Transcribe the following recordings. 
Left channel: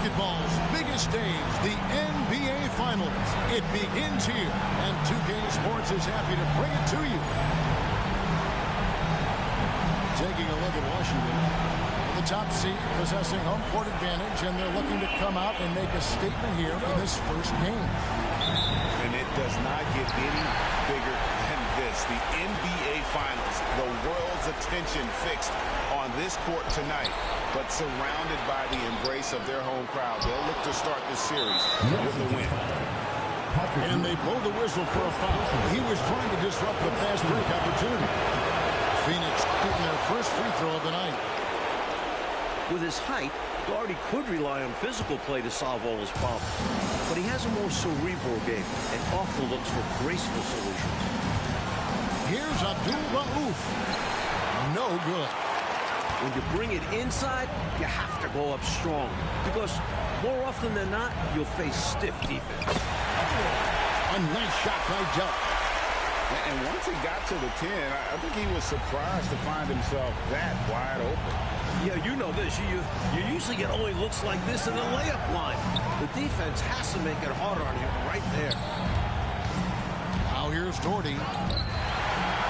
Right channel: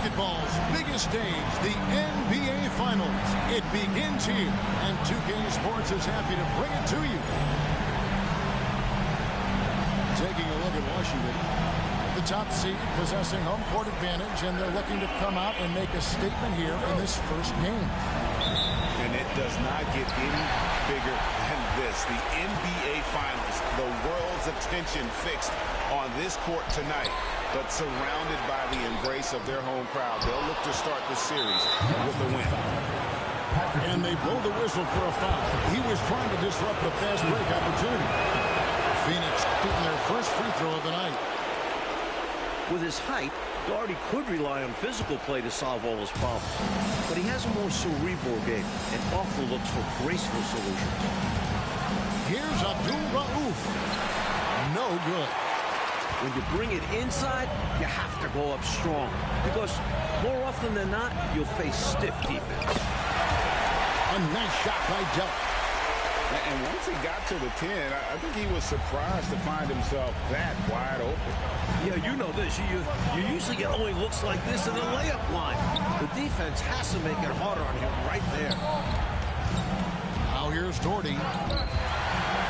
Basketball's biggest stage, the NBA Finals. It begins here, and 2K Sports is happy to bring it to you. Taking a look at Washington, the top seed possessing home court advantage, and they're looking to come out and make a statement here in this first game. And it does not get any bigger than this. The NBA Finals, the world's attention fixed on this court tonight, but surrounded by the embrace of their home crowd. They'll look to start this series with a win. And they blow the whistle for a foul. He was trying to disrupt the fast break opportunity. Phoenix shooting their first free throw of the night. With his height, Daugherty could rely on physical play to solve all his problems. But he has a more cerebral game and often looks for graceful solutions. Here's Abdul-Rauf. No good. When you bring it inside, you have to go up strong. Because more often than not, you'll face stiff defense. A nice shot by Delk. And once he got to the 10, I think he was surprised to find himself that wide open. Yeah, you know this. You usually get only looks like this in the layup line. The defense has to make it harder on him right there. Now here's Daugherty.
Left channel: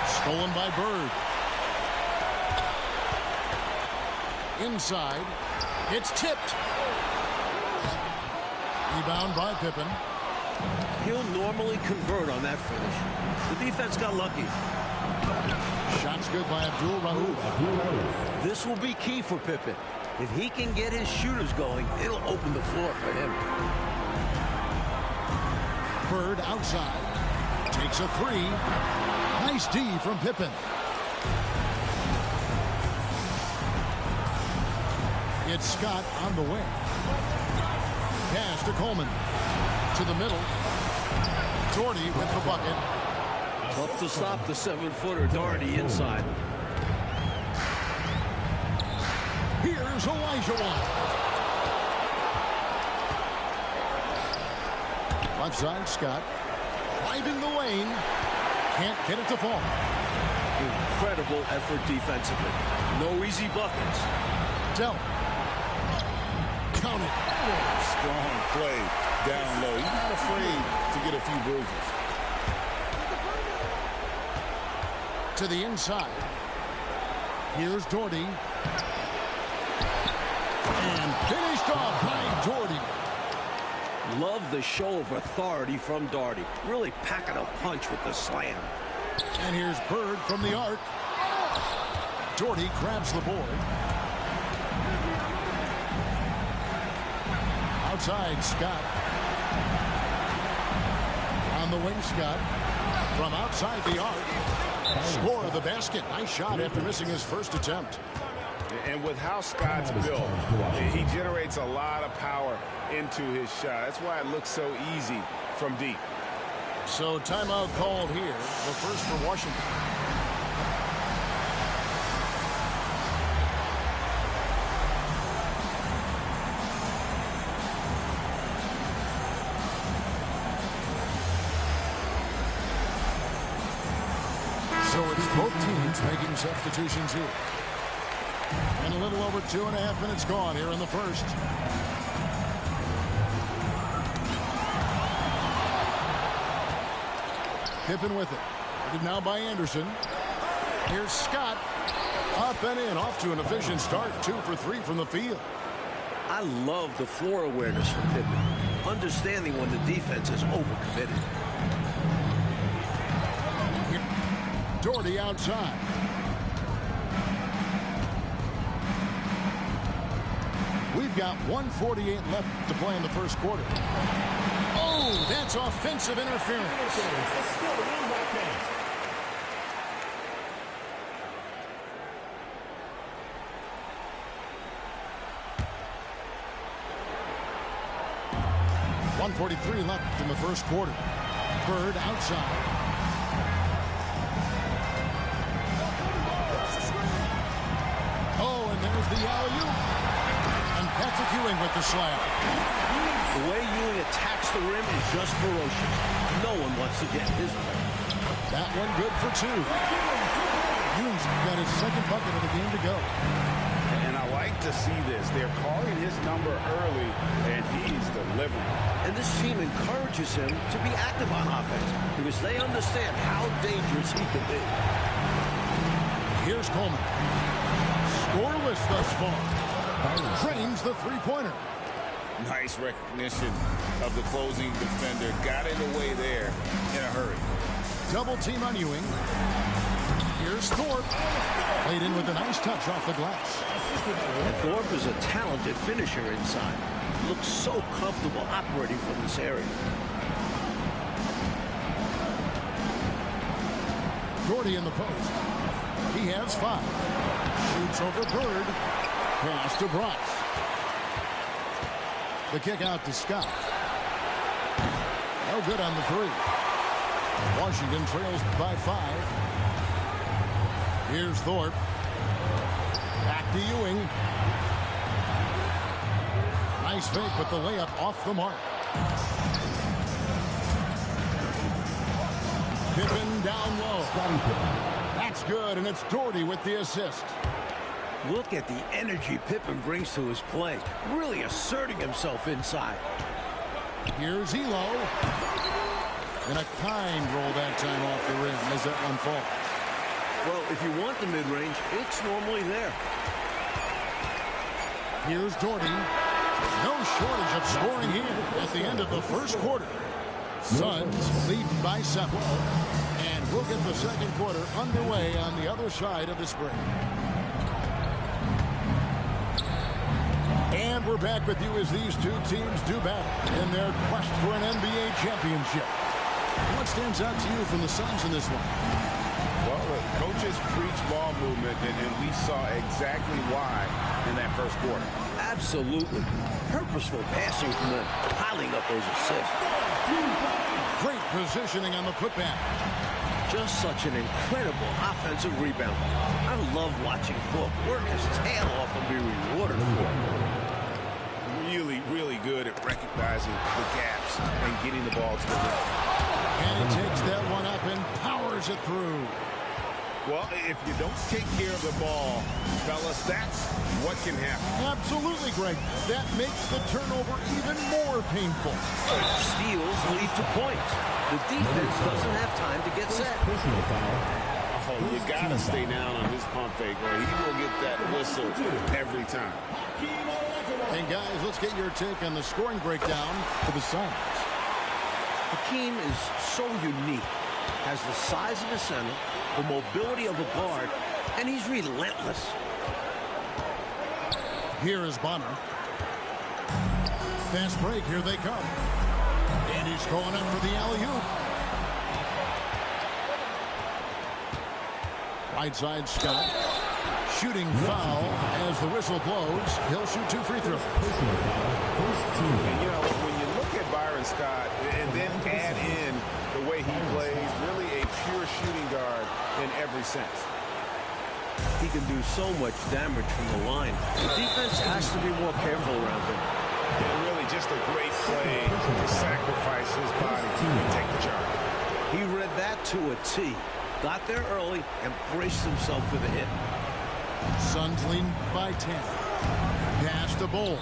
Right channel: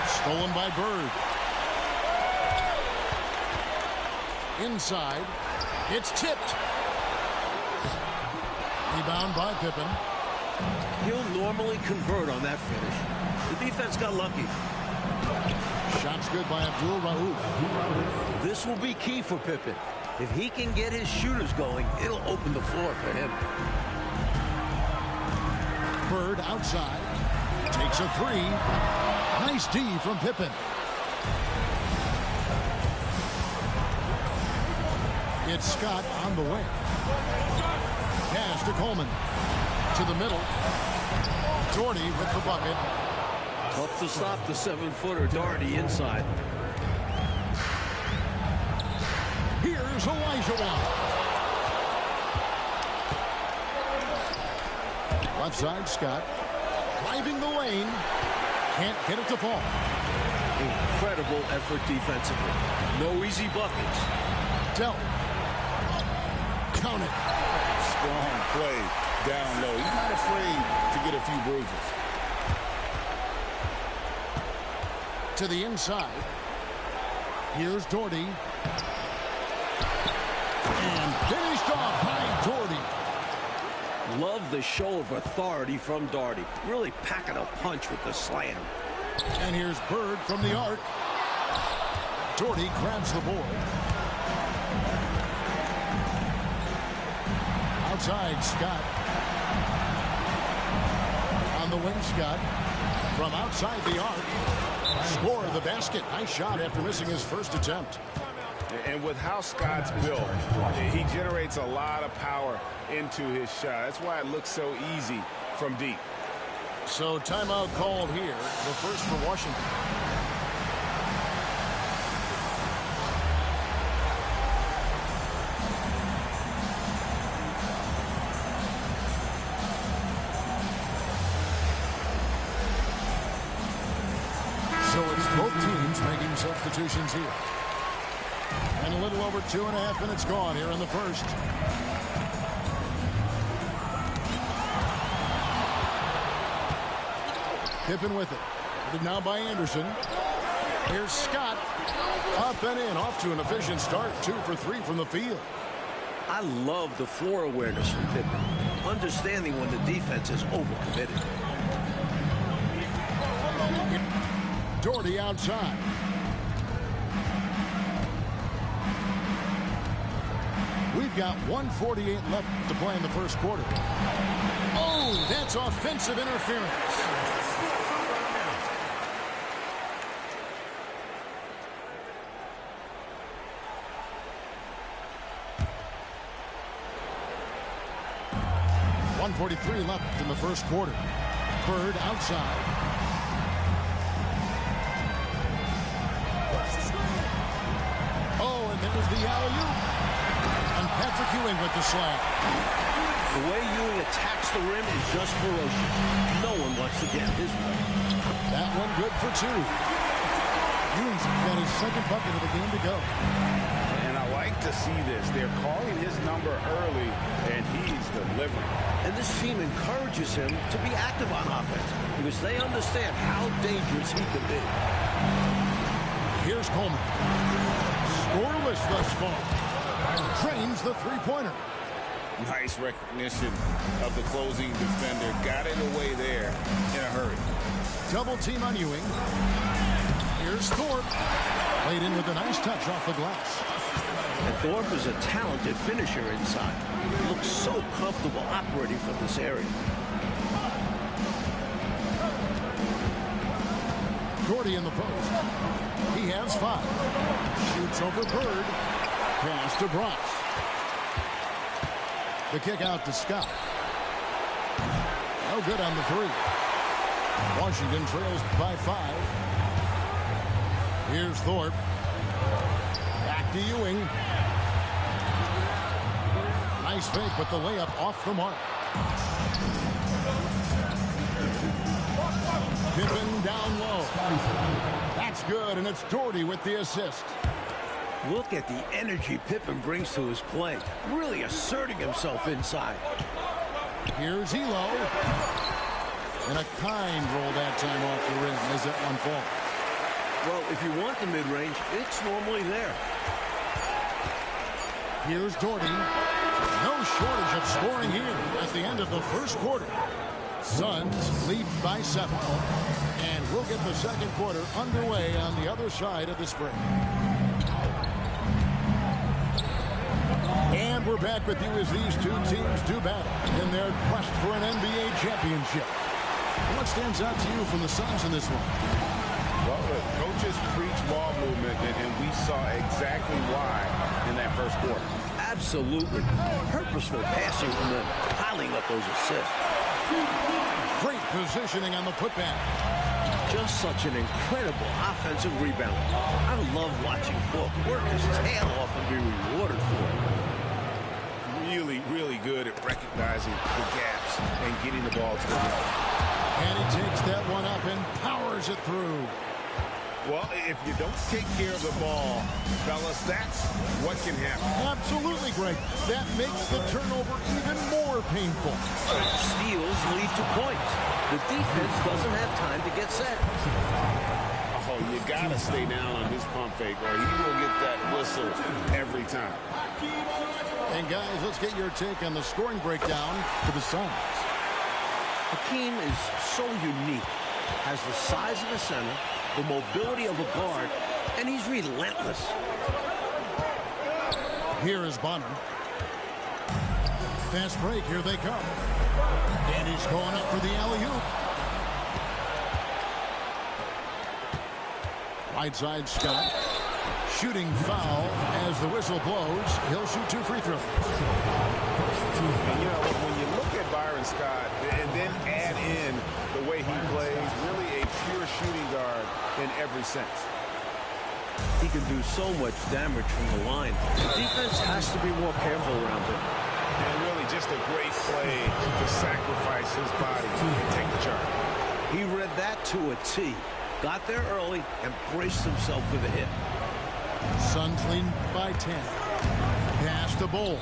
Stolen by Bird. Inside. It's tipped. Rebound by Pippen. He'll normally convert on that finish. The defense got lucky. Shot's good by Abdul-Rauf. This will be key for Pippen. If he can get his shooters going, it'll open the floor for him. Bird outside. Takes a three. Nice D from Pippen. It's Scott on the way. Pass to Coleman. To the middle. Daugherty with the bucket. Tough to stop the 7-footer Daugherty inside. Here's Olajuwon. Left side, Scott. Driving the lane. Can't get it to fall. Incredible effort defensively. No easy buckets. Delk. Count it. Strong play down low. He's not afraid to get a few bruises. To the inside. Here's Daugherty. And finished off by Daugherty. Love the show of authority from Daugherty. Really packing a punch with the slam. And here's Bird from the arc. Daugherty grabs the board. Outside, Scott. On the wing, Scott. From outside the arc. Score of the basket. Nice shot after missing his first attempt. And with how Scott's built, he generates a lot of power into his shot. That's why it looks so easy from deep. So timeout called here. The first for Washington. So it's both teams making substitutions here. And a little over 2.5 minutes gone here in the first. Pippen with it. Guarded now by Anderson. Here's Scott. Up and in. Off to an efficient start. 2 for 3 from the field. I love the floor awareness from Pippen. Understanding when the defense is overcommitted. Daugherty outside. We've got 1:48 left to play in the first quarter. Oh, that's offensive interference. .143 left in the first quarter. Bird outside. Oh, and there's the alley-oop. And Patrick Ewing with the slam. The way Ewing attacks the rim is just ferocious. No one wants to get in his way. That one good for 2. Ewing's got his second bucket of the game to go. And I like to see this. They're calling his number early, and he's delivering. And this team encourages him to be active on offense because they understand how dangerous he can be. Here's Coleman. Scoreless thus far. Drains the three-pointer. Nice recognition of the closing defender. Got it away there in a hurry. Double team on Ewing. Here's Thorpe. Played in with a nice touch off the glass. And Thorpe is a talented finisher inside. He looks so comfortable operating from this area. Gordy in the post. He has 5. Shoots over Bird. Pass to Bryce. The kick out to Scott. No good on the 3. Washington trails by 5. Here's Thorpe. Back to Ewing. Nice fake, but the layup off the mark. Pippen down low. That's good, and it's Doherty with the assist. Look at the energy Pippen brings to his play, really asserting himself inside. Here's Elo. And a kind roll that time off the rim as that one falls. Well, if you want the mid-range, it's normally there. Here's Doherty. No shortage of scoring here at the end of the first quarter. Suns lead by 7. And we'll get the second quarter underway on the other side of this break. And we're back with you as these two teams do battle in their quest for an NBA championship. What stands out to you from the Suns in this one? Well, the coaches preach ball movement, and we saw exactly why in that first quarter. Absolutely. Purposeful passing from them, piling up those assists. Great positioning on the putback. Just such an incredible offensive rebound. I love watching Fulk work his tail off and be rewarded for it. Really, really good at recognizing the gaps and getting the ball to the rim. And he takes that one up and powers it through. Well, if you don't take care of the ball, fellas, that's what can happen. Absolutely, Greg. That makes the turnover even more painful. Steals lead to points. The defense doesn't have time to get set. Oh, you got to stay down on his pump fake, or he will get that whistle every time. And, guys, let's get your take on the scoring breakdown for the Suns. Hakeem is so unique. Has the size of a center, the mobility of a guard, and he's relentless. Here is Bonner. Fast break, here they come. And he's going up for the alley-oop. Right side, Scott. Shooting foul as the whistle blows. He'll shoot 2 free throws. And, you know, when you look at Byron Scott and then add in the way he plays, really a pure shooting guard in every sense. He can do so much damage from the line. The defense has to be more careful around him. And really just a great play to sacrifice his body and take the charge. He read that to a T. Got there early and braced himself for the hit. Suns lead by 10. Pass to Bull.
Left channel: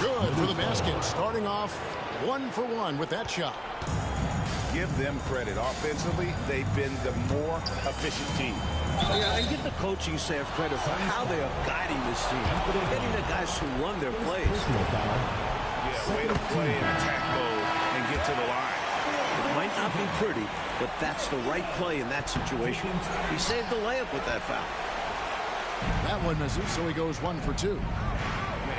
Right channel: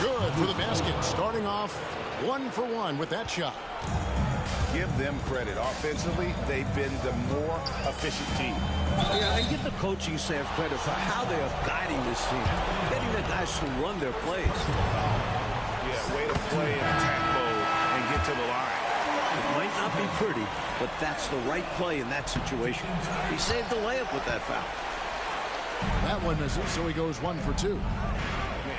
Good for the basket. Starting off 1 for 1 with that shot. Give them credit. Offensively, they've been the more efficient team. Yeah, and give the coaching staff credit for how they are guiding this team. Getting the guys to run their plays. Yeah, way to play in attack mode and get to the line. It might not be pretty, but that's the right play in that situation. He saved the layup with that foul. That one misses, so he goes 1 for 2.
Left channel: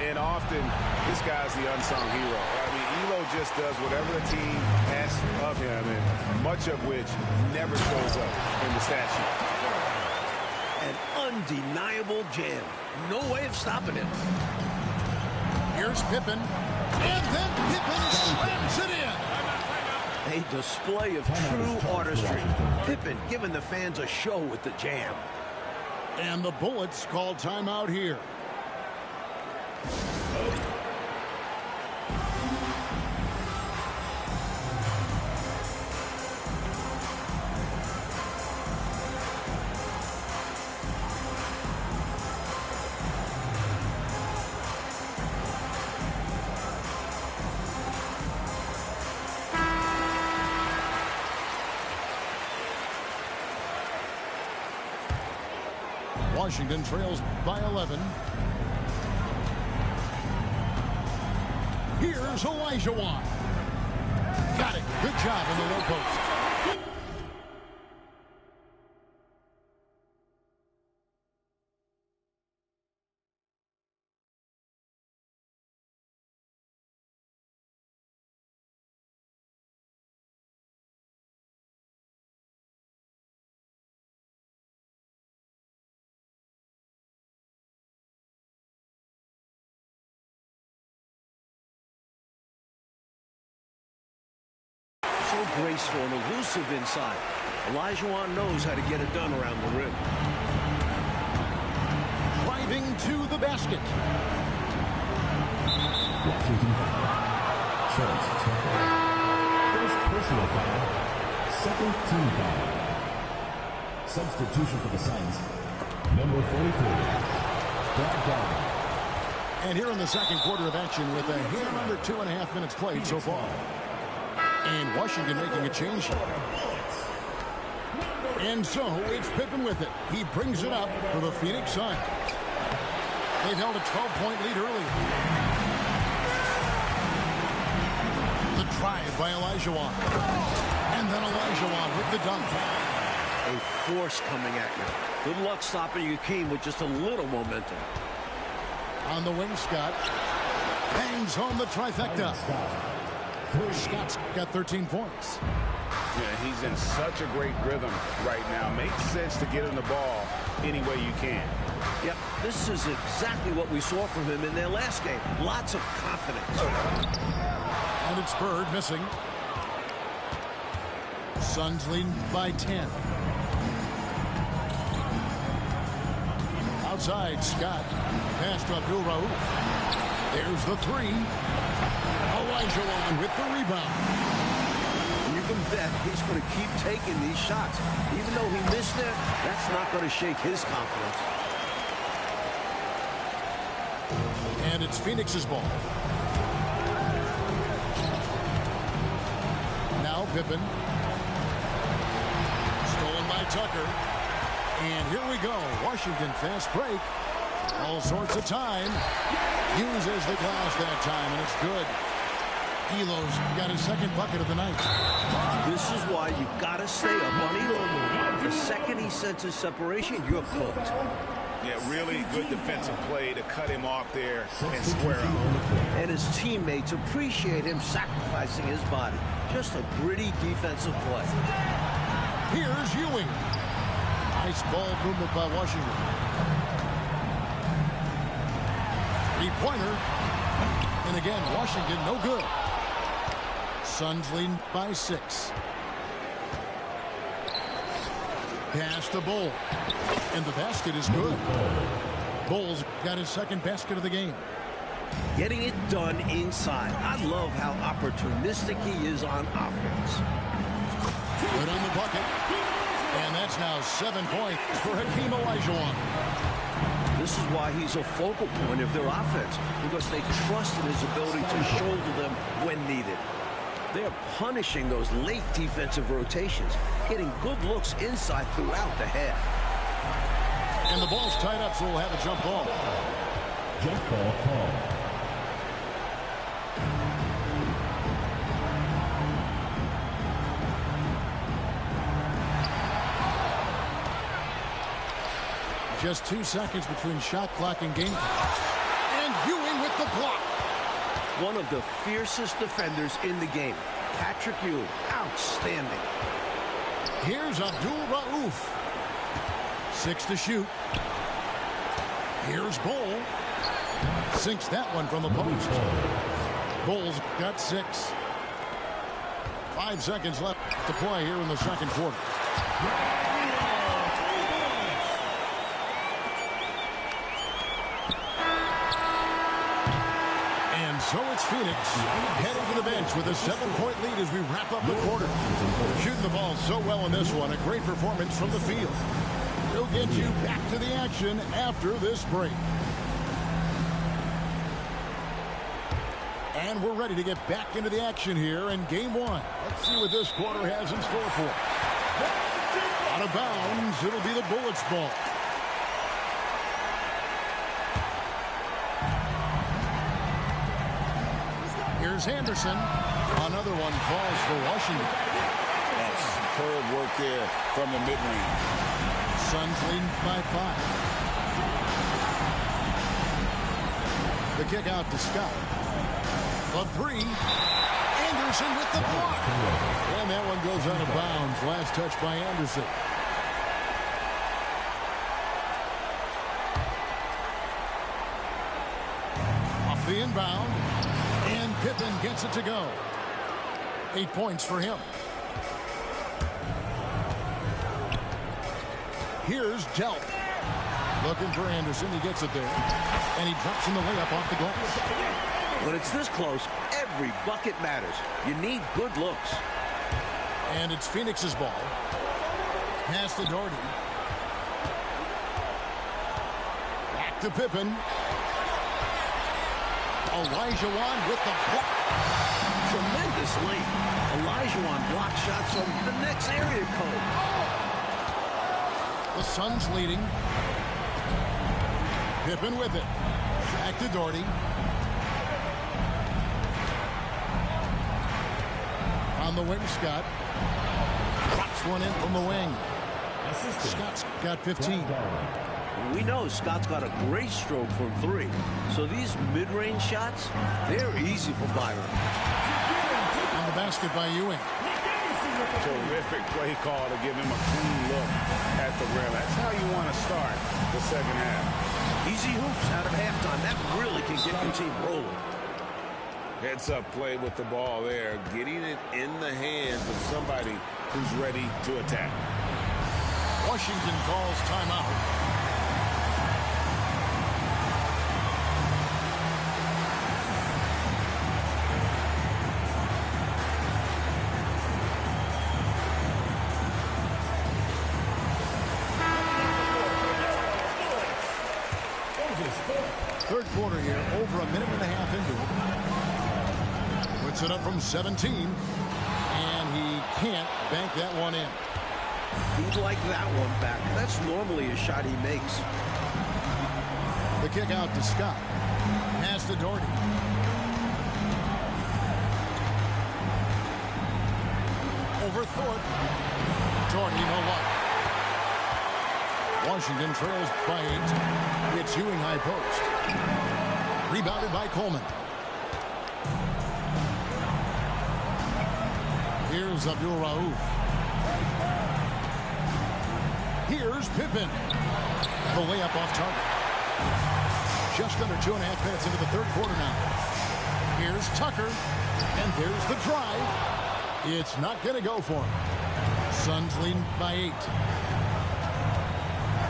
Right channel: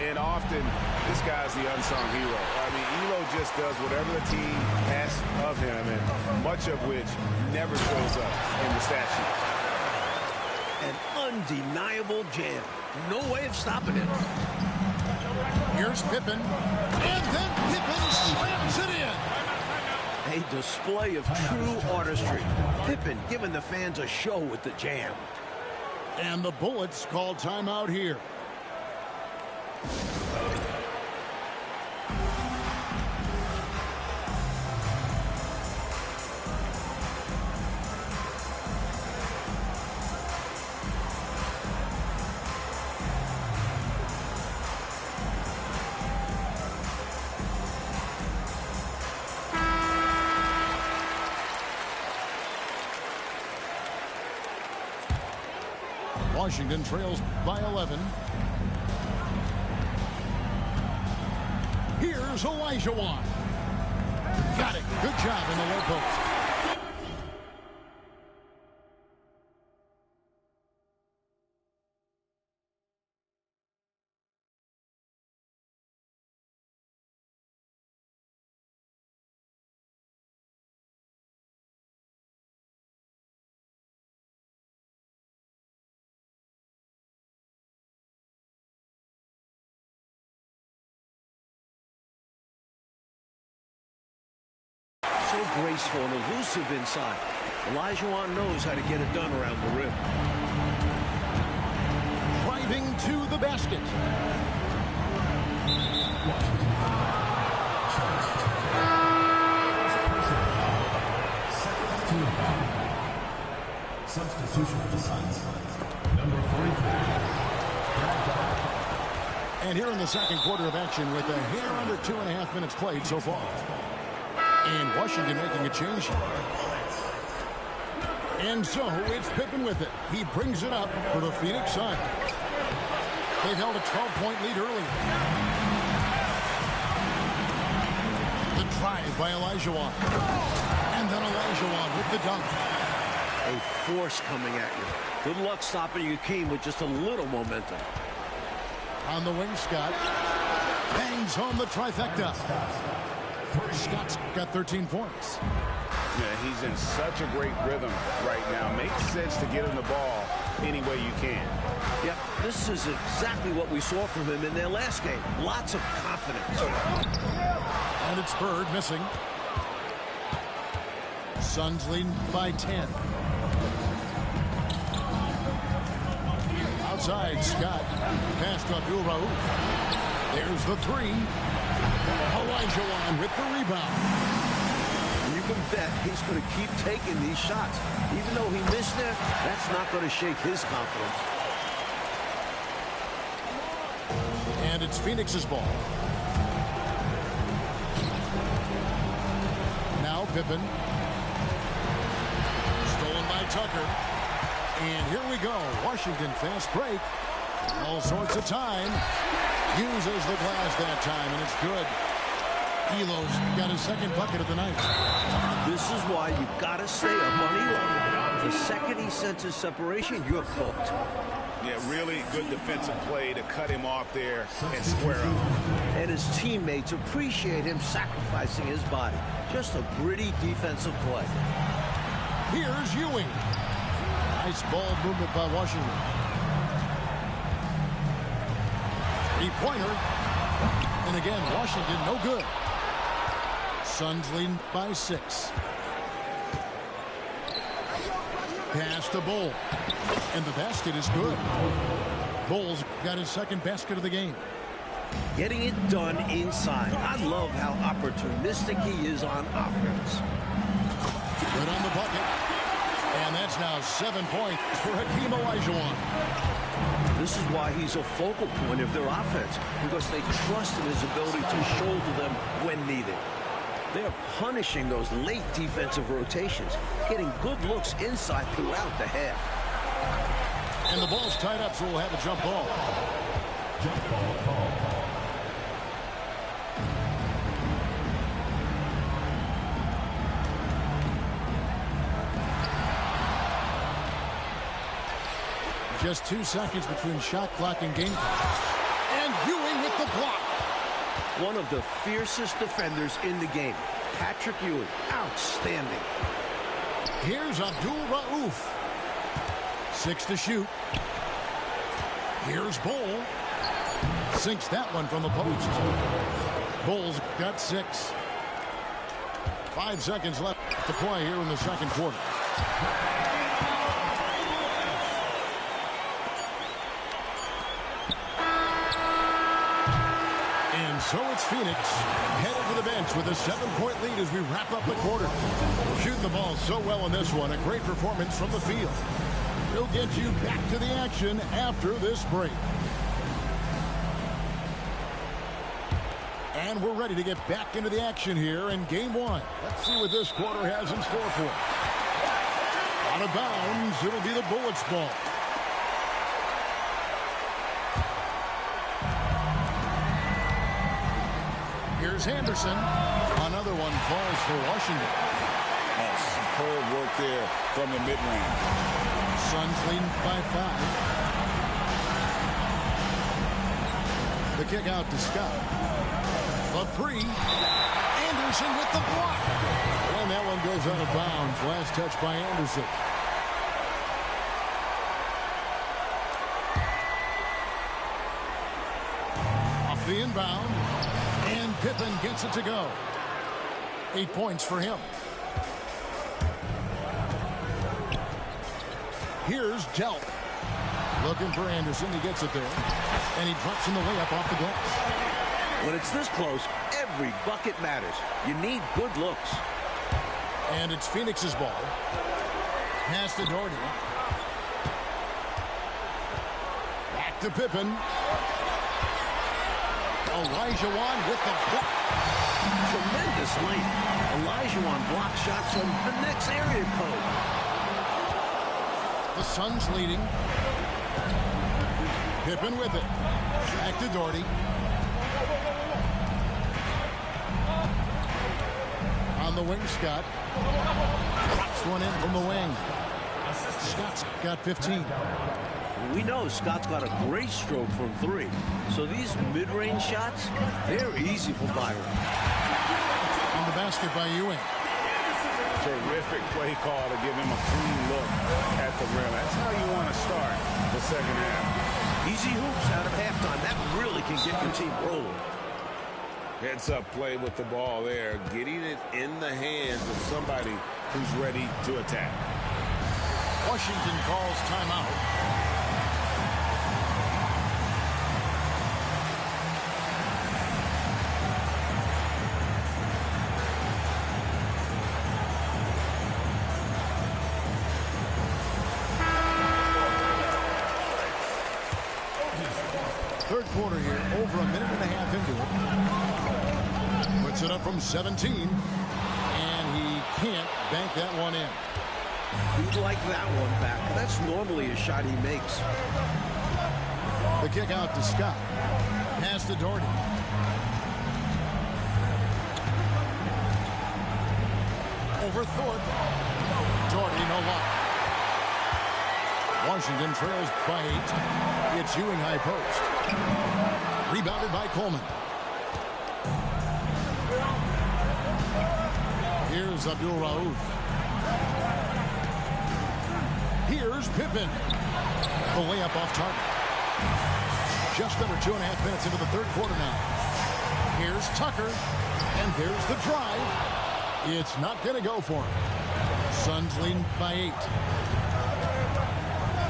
And often, this guy's the unsung hero. I mean, Elo just does whatever the team asks of him, and much of which never shows up in the stat sheet. An undeniable jam. No way of stopping it. Here's Pippen. And then Pippen slams it in. A display of true artistry. Pippen giving the fans a show with the jam. And the Bullets call timeout here. Washington trails by 11. Here's Olajuwon. Got it. Good job in the low post. So graceful and elusive inside. Olajuwon knows how to get it done around the rim. Driving to the basket. Washington First personal foul. Second team foul. Substitution for the Suns. Number 43. Brad Garland. And here in the second quarter of action with a hair under 2.5 minutes played so far. And Washington making a change here. And so it's Pippen with it. He brings it up for the Phoenix Suns. They've held a 12-point lead earlier. The drive by Olajuwon. And then Olajuwon with the dunk. A force coming at you. Good luck stopping your team with just a little momentum. On the wing, Scott. Bangs home the trifecta. Scott's got 13 points. Yeah, he's in such a great rhythm right now. Makes sense to get him the ball any way you can. Yep, this is exactly what we saw from him in their last game. Lots of confidence. And it's Bird missing. Suns leading by 10. Outside, Scott. Pass to Abdul Rauf. There's the three. Olajuwon with the rebound. And you can bet he's going to keep taking these shots. Even though he missed there, that's not going to shake his confidence. And it's Phoenix's ball. Now Pippen. Stolen by Tucker. And here we go. Washington fast break. All sorts of time. Uses the glass that time, and it's good. Elo's got his second bucket of the night. This is why you got to stay up on Elo. The second he senses separation, you're cooked. Yeah, really good defensive play to cut him off there and square up. And his teammates appreciate him sacrificing his body. Just a gritty defensive play. Here's Ewing. Nice ball movement by Washington. Three-pointer. And again, Washington no good. Suns leading by 6. Pass to Bull. And the basket is good. Bull's got his second basket of the game. Getting it done inside. I love how opportunistic he is on offense. Good on the bucket. And that's now 7 points for Hakeem Olajuwon. This is why he's a focal point of their offense, because they trust in his ability to shoulder them when needed. They're punishing those late defensive rotations, getting good looks inside throughout the half. And the ball's tied up, so we'll have a jump ball. Jump ball call. Just 2 seconds between shot clock and game clock. And Ewing with the block. One of the fiercest defenders in the game. Patrick Ewing, outstanding. Here's Abdul Rauf. 6 to shoot. Here's Bull. Sinks that one from the post. Bull's got 6. 5 seconds left to play here in the second quarter. And so it's Phoenix heading to the bench with a 7-point lead as we wrap up the quarter. Shooting the ball so well in this one. A great performance from the field. We'll get you back to the action after this break. And we're ready to get back into the action here in game 1. Let's see what this quarter has in store for us. Out of bounds, it'll be the Bullets' ball. Here's Anderson. Another one falls for Washington. Oh, superb work there from the mid-range. Suns leading by 5. The kick out to Scott. The 3. Anderson with the block. And that one goes out of bounds. Last touch by Anderson. Off the inbound. And Pippen gets it to go. 8 points for him. Here's Delp. Looking for Anderson. He gets it there. And he drops in the layup off the glass. When it's this close, every bucket matters. You need good looks. And it's Phoenix's ball. Pass to Doherty. Back to Pippen. Olajuwon with the block. Tremendous length. Olajuwon blocked shots from the next area code. The Suns leading. Pippen with it. Back to Doherty. On the wing, Scott. Drops one in from the wing. Scott's got 15. We know Scott's got a great stroke from 3. So these mid-range shots, they're easy for Byron. On the basket by Ewing. Terrific play call to give him a clean look at the rim. That's how you want to start the second half. Easy hoops out of halftime. That really can get your team rolling. Heads-up play with the ball there, getting it in the hands of somebody who's ready to attack. Washington calls timeout. Third quarter here, over a minute and a half into it. Puts it up from 17, and he can't bank that one in. He'd like that one back. That's normally a shot he makes. The kick out to Scott. Pass to Doherty. Over Thorpe. Doherty, no luck. Washington trails by 8. It's Ewing high post. Rebounded by Coleman. Here's Abdul Rauf. Here's Pippen. The layup off target. Just under 2.5 minutes into the third quarter now. Here's Tucker. And there's the drive. It's not going to go for him. Suns leading by 8.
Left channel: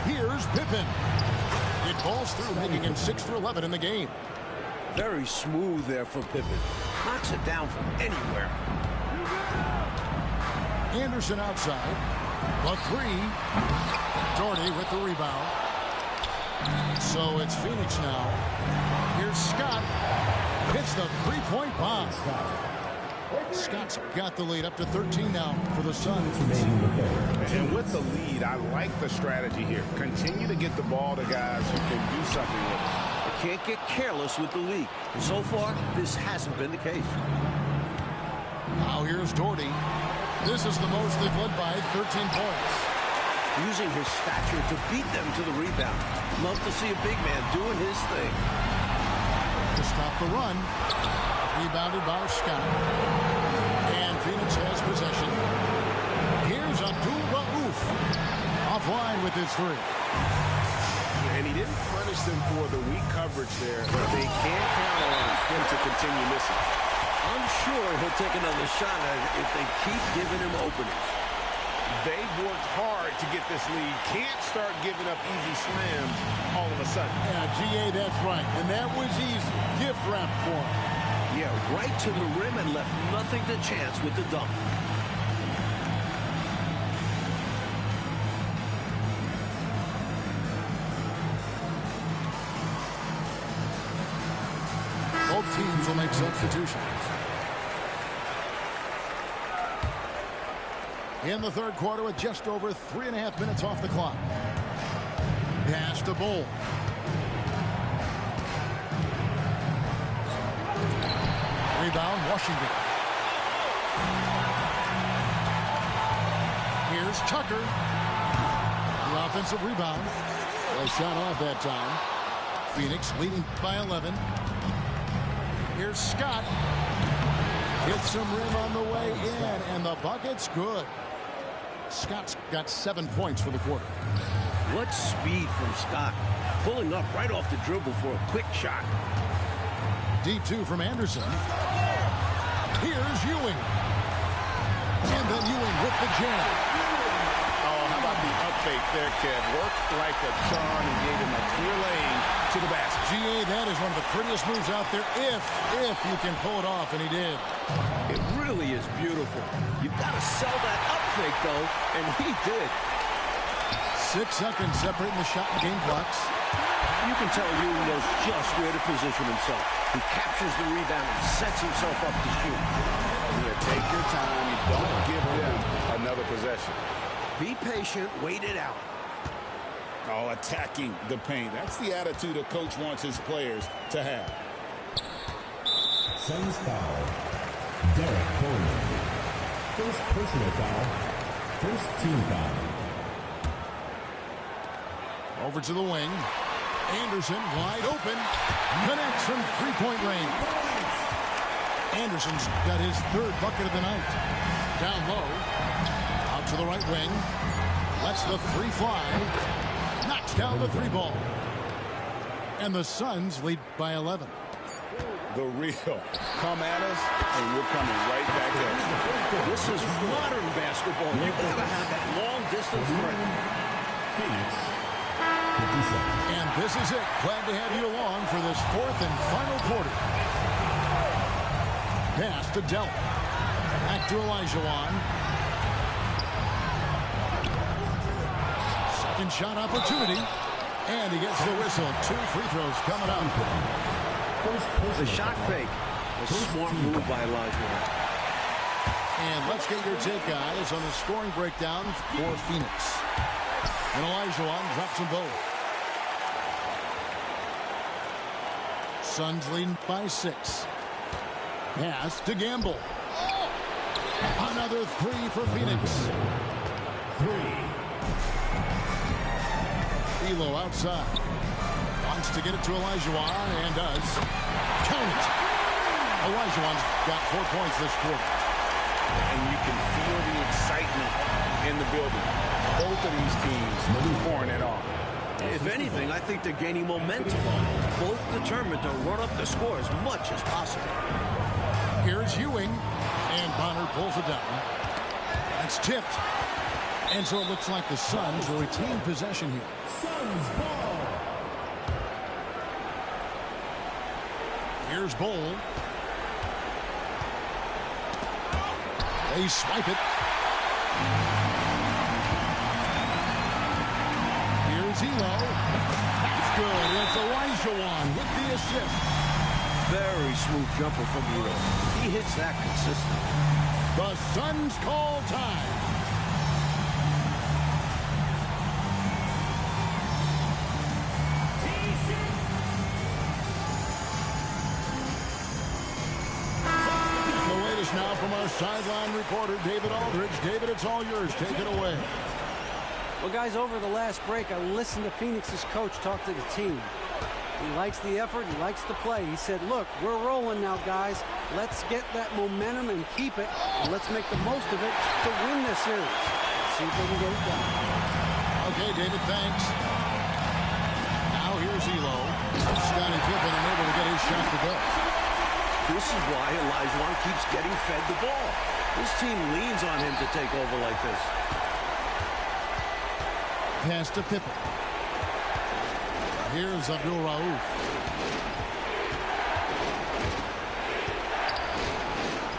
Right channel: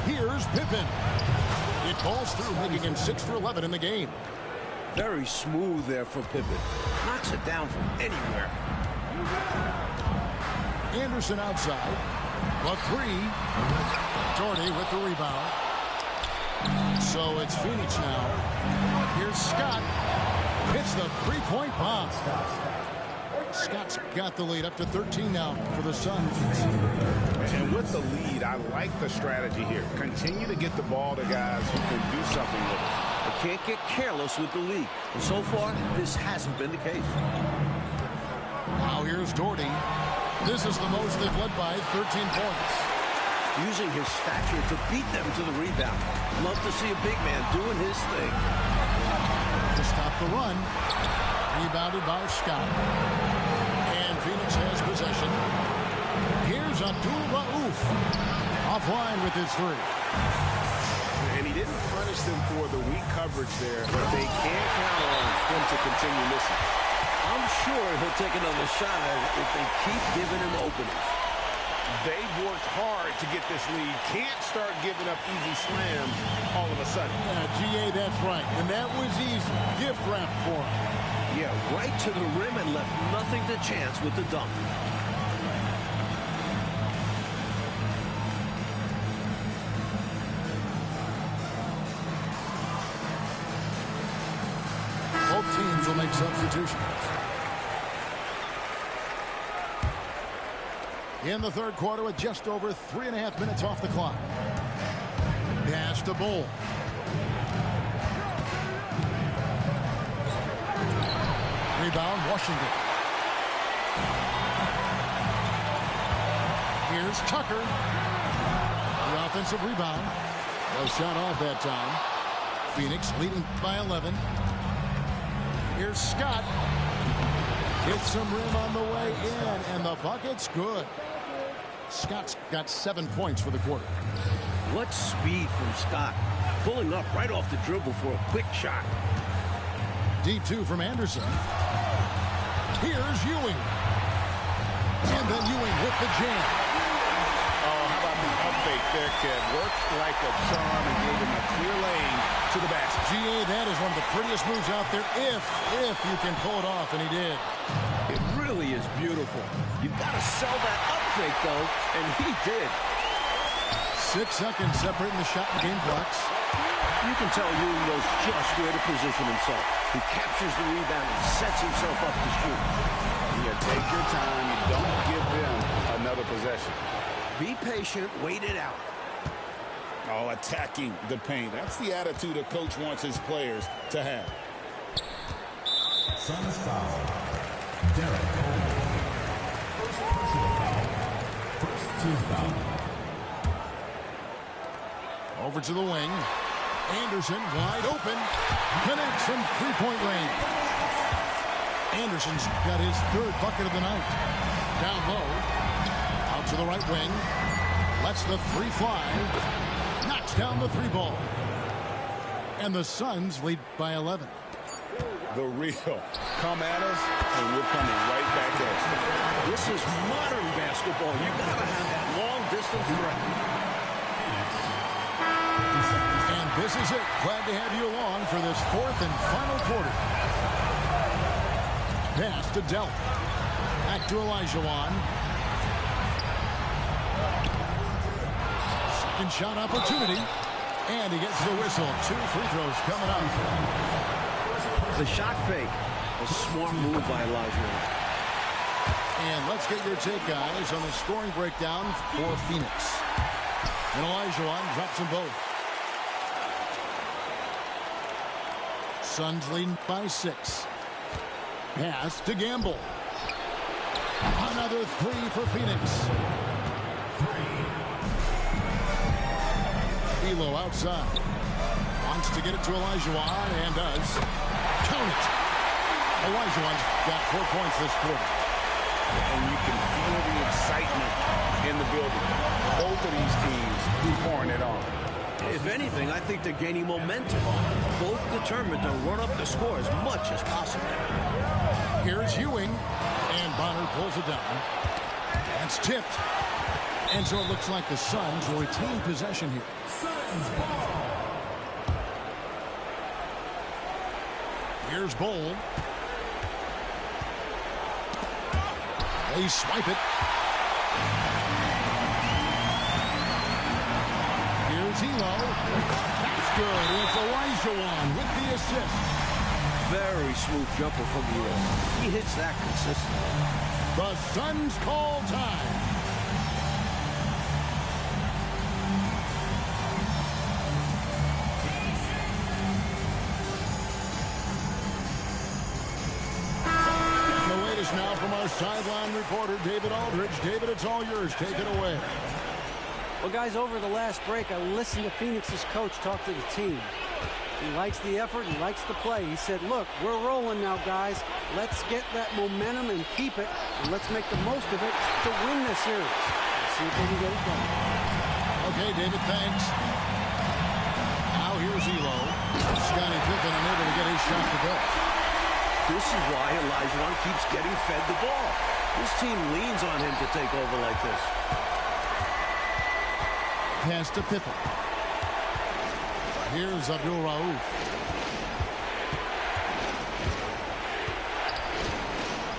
Here's Pippen. It falls through, making him 6 for 11 in the game. Very smooth there for Pippen. Knocks it down from anywhere. Anderson outside. The 3. Doherty with the rebound. So it's Phoenix now. Here's Scott. Hits the three-point bomb. Scott's got the lead up to 13 now for the Suns. And with the lead, I like the strategy here. Continue to get the ball to guys who can do something with it. They can't get careless with the lead. And so far, this hasn't been the case. Now here's Doherty. This is the most they've led by 13 points. Using his stature to beat them to the rebound. Love to see a big man doing his thing. To stop the run. Rebounded by Scott. And Phoenix has possession. Here's Abdul Rauf. Offline with his 3. And he didn't punish them for the weak coverage there, but they can't count on him to continue missing. I'm sure he'll take another shot at it if they keep giving him openings. They've worked hard to get this lead. Can't start giving up easy slams all of a sudden. Yeah, GA, that's right. And that was easy. Gift wrap for him. Yeah, right to the rim and left nothing to chance with the dunk. Both teams will make substitutions. In the third quarter with just over 3.5 minutes off the clock. Pass to Bull. Rebound, Washington. Here's Tucker. The offensive rebound. Well shot off that time. Phoenix leading by 11. Here's Scott. Hits some rim on the way in, and the bucket's good. Scott's got 7 points for the quarter. What speed from Scott. Pulling up right off the dribble for a quick shot. Deep two from Anderson. Here's Ewing. And then Ewing with the jam. Oh, how about the up fake there, kid? Worked like a charm and gave him a clear lane to the basket. GA, that is one of the prettiest moves out there if you can pull it off, and he did. It really is beautiful. You've got to sell that up fake, though, and he did. 6 seconds separating the shot and game clocks. You can tell Ewing knows just where to position himself. He captures the rebound and sets himself up to shoot. Yeah, take your time. You don't give them another possession. Be patient, wait it out. Oh, attacking the paint. That's the attitude a coach wants his players to have. Suns foul. Derek Coleman. First personal foul. First team foul. Over to the wing. Anderson wide open. Connects from three-point range. Anderson's got his 3rd bucket of the night. Down low. Out to the right wing. Lets the 3 fly. Knocks down the 3 ball. And the Suns lead by 11. The real. Come at us, and we're coming right back at you. This is modern basketball. You got to have that long-distance threat. Phoenix. 57. And this is it. Glad to have you along for this 4th and final quarter. Pass to Delp. Back to Olajuwon. Second shot opportunity. And he gets the whistle. 2 free throws coming up. The shot fake. A smart move by Olajuwon. And let's get your take, guys, on the scoring breakdown for Phoenix. And Olajuwon drops them both. Suns leading by 6. Pass to Gamble. Another 3 for Phoenix. 3. Elo outside. Wants to get it to Olajuwon and does. Count it. Olajuwon's got 4 points this quarter. And you can feel the excitement in the building. Both of these teams pouring it on. If anything, I think they're gaining momentum. Both determined to run up the score as much as possible. Here's Ewing, and Bonner pulls it down. That's tipped. And so it looks like the Suns will retain possession here. Suns ball. Here's Bowl. They swipe it. Here's Elo. That's good. It's Olajuwon with the assist. Very smooth jumper from Elo. He hits that consistently. The Suns call time. And the latest now from our sideline reporter, David Aldridge. David, it's all yours. Take it away. Well, guys, over the last break, I listened to Phoenix's coach talk to the team. He likes the effort. He likes the play. He said, look, we're rolling now, guys. Let's get that momentum and keep it, and let's make the most of it to win this series. Let's see if they can get it done. Okay, David, thanks. Now here's Elo. Scottie Pippen unable to get his shot to go. This is why Olajuwon keeps getting fed the ball. This team leans on him to take over like this. Pass to Pippen. Here's Abdul Rauf.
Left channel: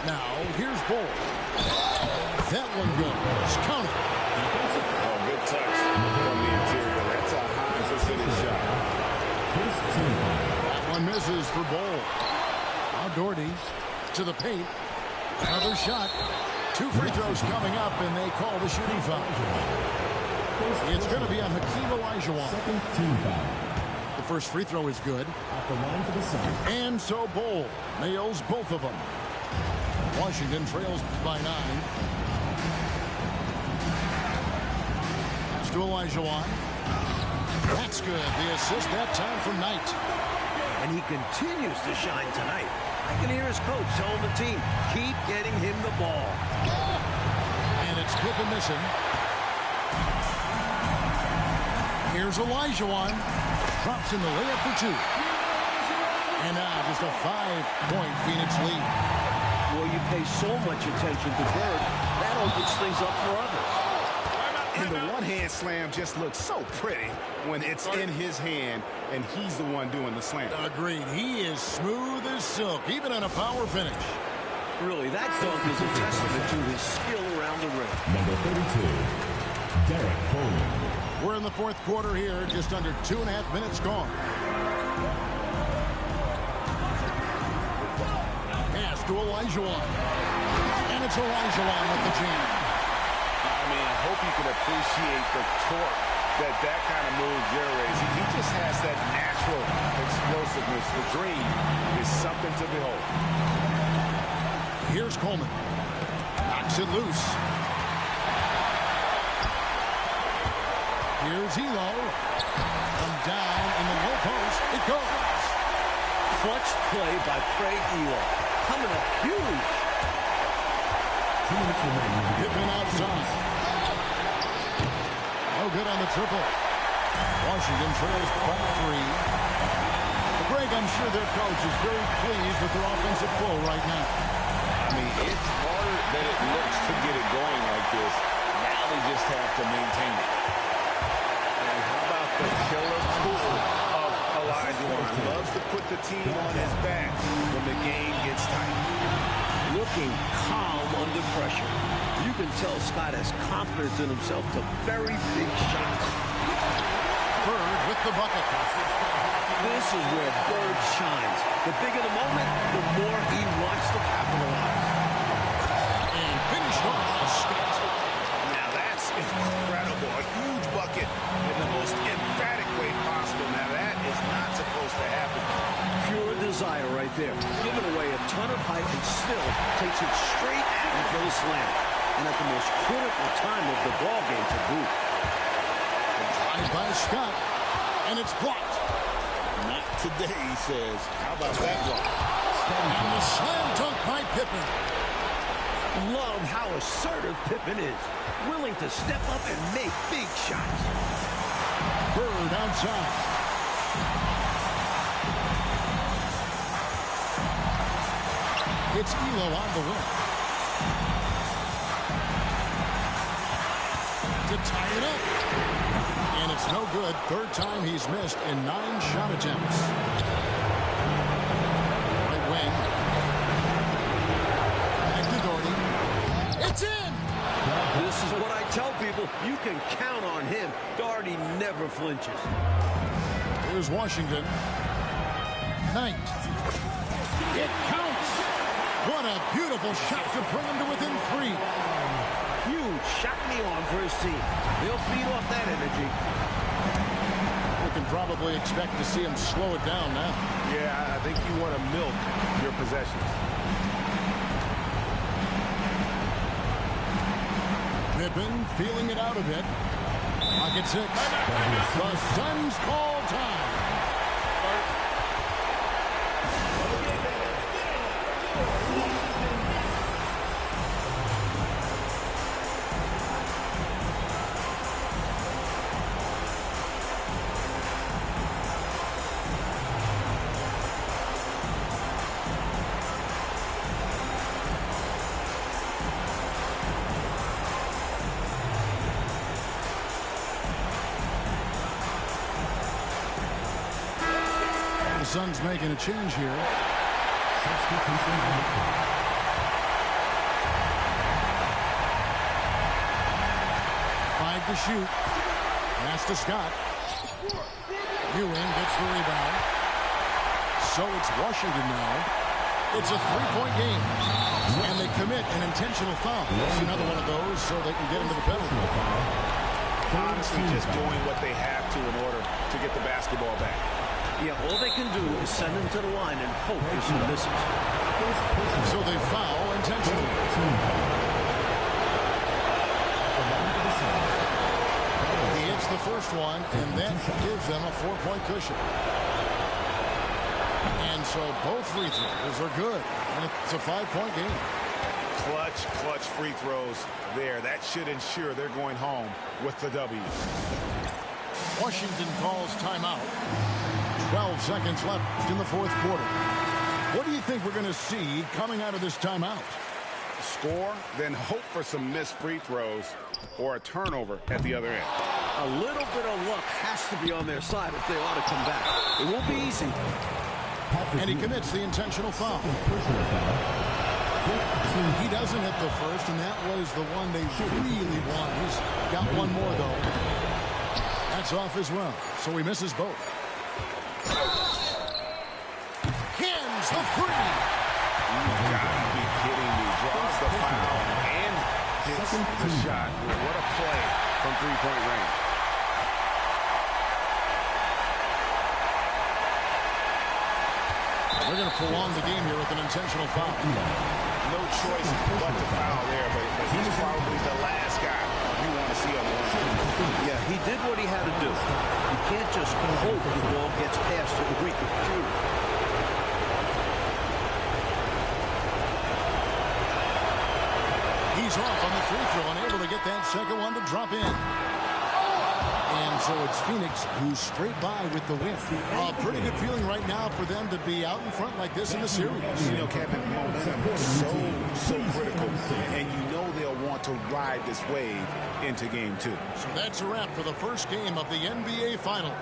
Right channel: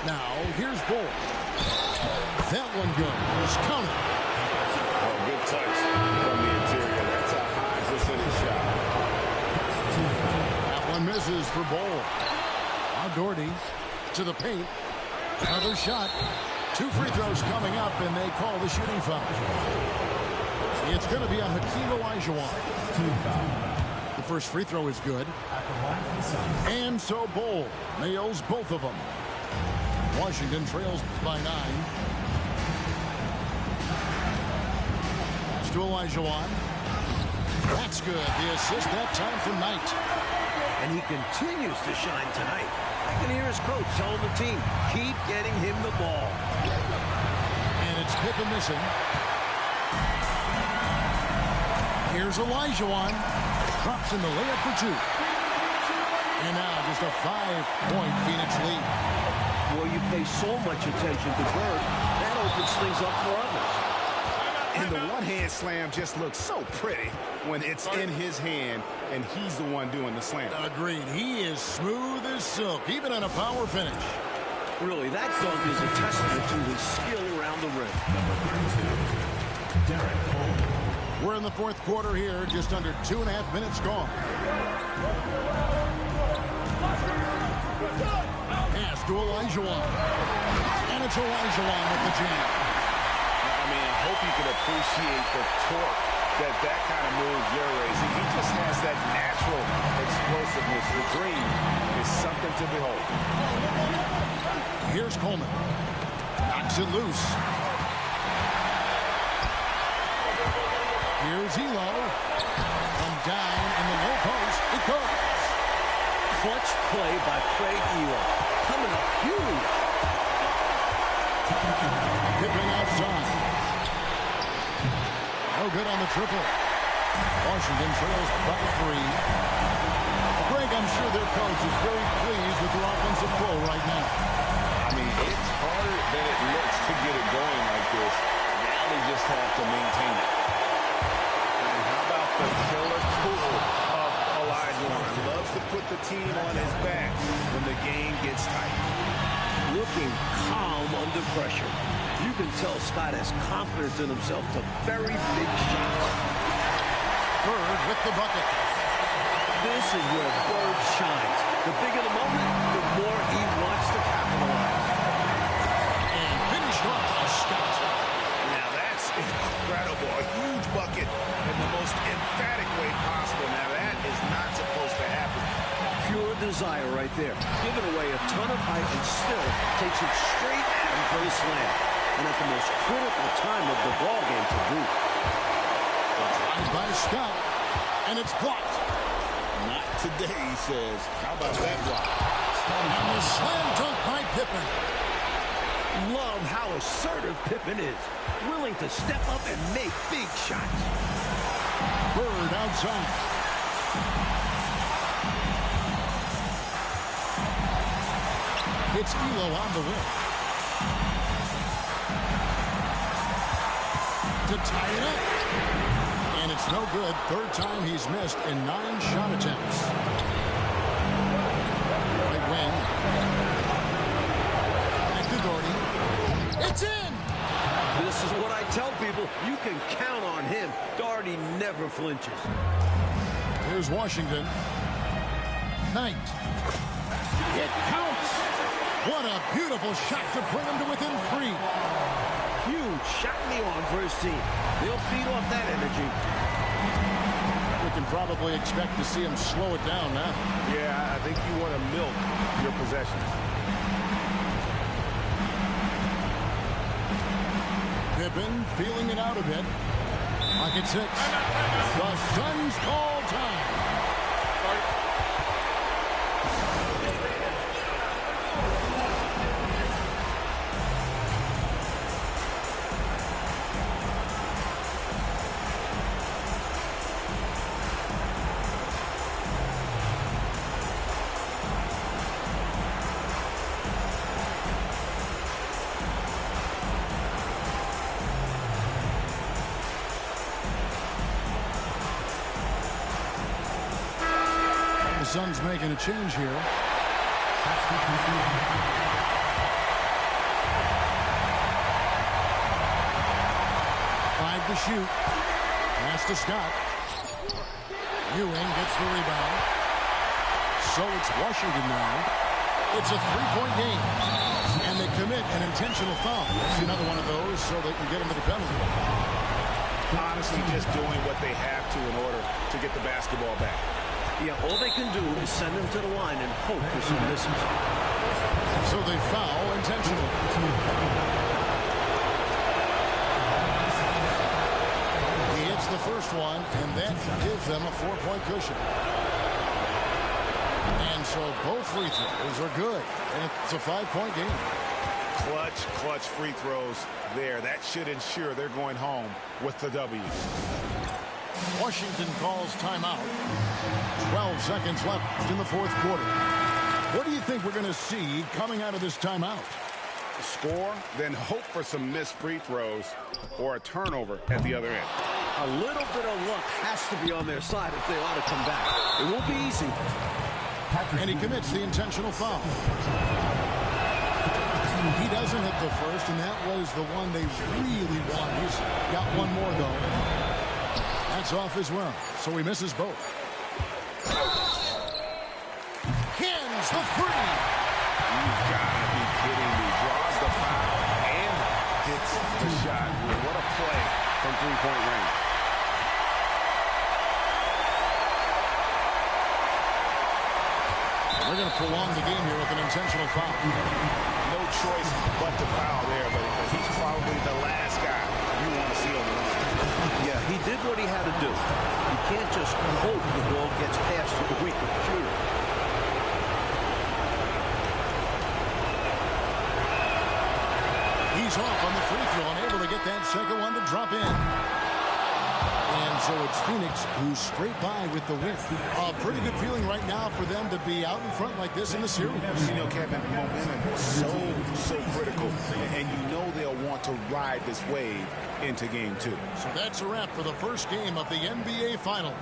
Now, here's Bull. That one goes. Count it. Oh, good touch from the interior. That's a high percentage shot. That one misses for Bull. Now Doherty to the paint. Another shot. 2 free throws coming up, and they call the shooting foul. It's going to be on Hakeem Olajuwon. Second team foul. The first free throw is good. At the line for the Suns. And so Bol nails both of them. Washington trails by 9. Pass to Olajuwon. That's good. The assist that time from Knight. And he continues to shine tonight. I can hear his coach telling the team, keep getting him the ball. And it's Pippen missing. Here's Olajuwon. Drops in the layup for 2. And now just a 5-point Phoenix lead. Well, you pay so much attention to Bird, that opens things up for others. And the one-hand slam just looks so pretty when it's in his hand and he's the one doing the slam. Agreed. He is smooth as silk, even on a power finish. Really, that dunk is a testament to his skill around the rim. Number 32, Derek Coleman. We're in the fourth quarter here, just under 2.5 minutes gone. Pass to Olajuwon. And it's Olajuwon with the jam. I mean, I hope you can appreciate the torque that kind of move generates. He just has that natural explosiveness. The dream is something to behold. Here's Coleman. Knocks it loose. Here's Elo. From down in the low post, it goes. Clutch play by Craig Elo. Coming up huge. Pippen outside. No good on the triple. Washington trails by 3. Greg, I'm sure their coach is very pleased with their offensive flow right now. I mean, it's harder than it looks to get it going like this. Now they just have to maintain it. And how about the killer tool of Olajuwon? Loves to put the team on his back when the game gets tight. Looking calm under pressure. You can tell Scott has confidence in himself to very big shots. Bird with the bucket. This is where Bird shines. The bigger the moment, the more he wants to capitalize. And finished off by Scott. Now that's incredible. A huge bucket in the most emphatic way possible. Now that is not supposed to happen. Pure desire right there. Giving away a ton of height and still takes it straight at him for the slam. And at the most critical time of the ball game to boot. Drive by Scott. And it's blocked. Not today, he says. How about that block? And the slam dunk by Pippen. Love how assertive Pippen is. Willing to step up and make big shots. Bird outside. It's Elo on the wing. To tie it up. And it's no good. Third time he's missed in 9 shot attempts. Right wing. Back to Doherty. It's in! This is what I tell people. You can count on him. Doherty never flinches. Here's Washington. Knight. It counts! What a beautiful shot to bring him to within 3. Huge shot in the arm for his team. They'll feed off that energy. We can probably expect to see him slow it down now. Yeah, I think you want to milk your possessions. Pippen feeling it out a bit. Pocket 6. The Suns call time. The Suns making a change here. 5 to shoot. Pass to Scott. Ewing gets the rebound. So it's Washington now. It's a 3-point game. And they commit an intentional foul. It's another one of those so they can get into the penalty. Honestly, just doing what they have to in order to get the basketball back. Yeah, all they can do is send him to the line and hope for some misses. So they foul intentionally. He hits the first one, and that gives them a 4-point cushion. And so both free throws are good, and it's a 5-point game. Clutch free throws there. That should ensure they're going home with the W. Washington calls timeout. 12 seconds left in the fourth quarter. What do you think we're going to see coming out of this timeout? Score, then hope for some missed free throws or a turnover at the other end. A little bit of luck has to be on their side if they ought to come back. It won't be easy. And he commits the intentional foul. He doesn't hit the first, and that was the one they really wanted. He's got one more, though. That's off as well, so he misses both. Cans the three. You gotta be kidding me. Draws the foul and hits the shot. What a play from three-point range. They're going to prolong the game here with an intentional foul. No choice but to foul there, but he's probably the last guy you want to see on the line. Yeah, he did what he had to do. You can't just hope the ball gets past to the weaker shooter. He's off on the free throw, unable to get that second one to drop in. And so it's Phoenix who scraped by with the win. A pretty good feeling right now for them to be out in front like this in the series. You know, Kevin, momentum is so critical, and you know they'll want to ride this wave into game 2. So that's a wrap for the first game of the NBA Finals.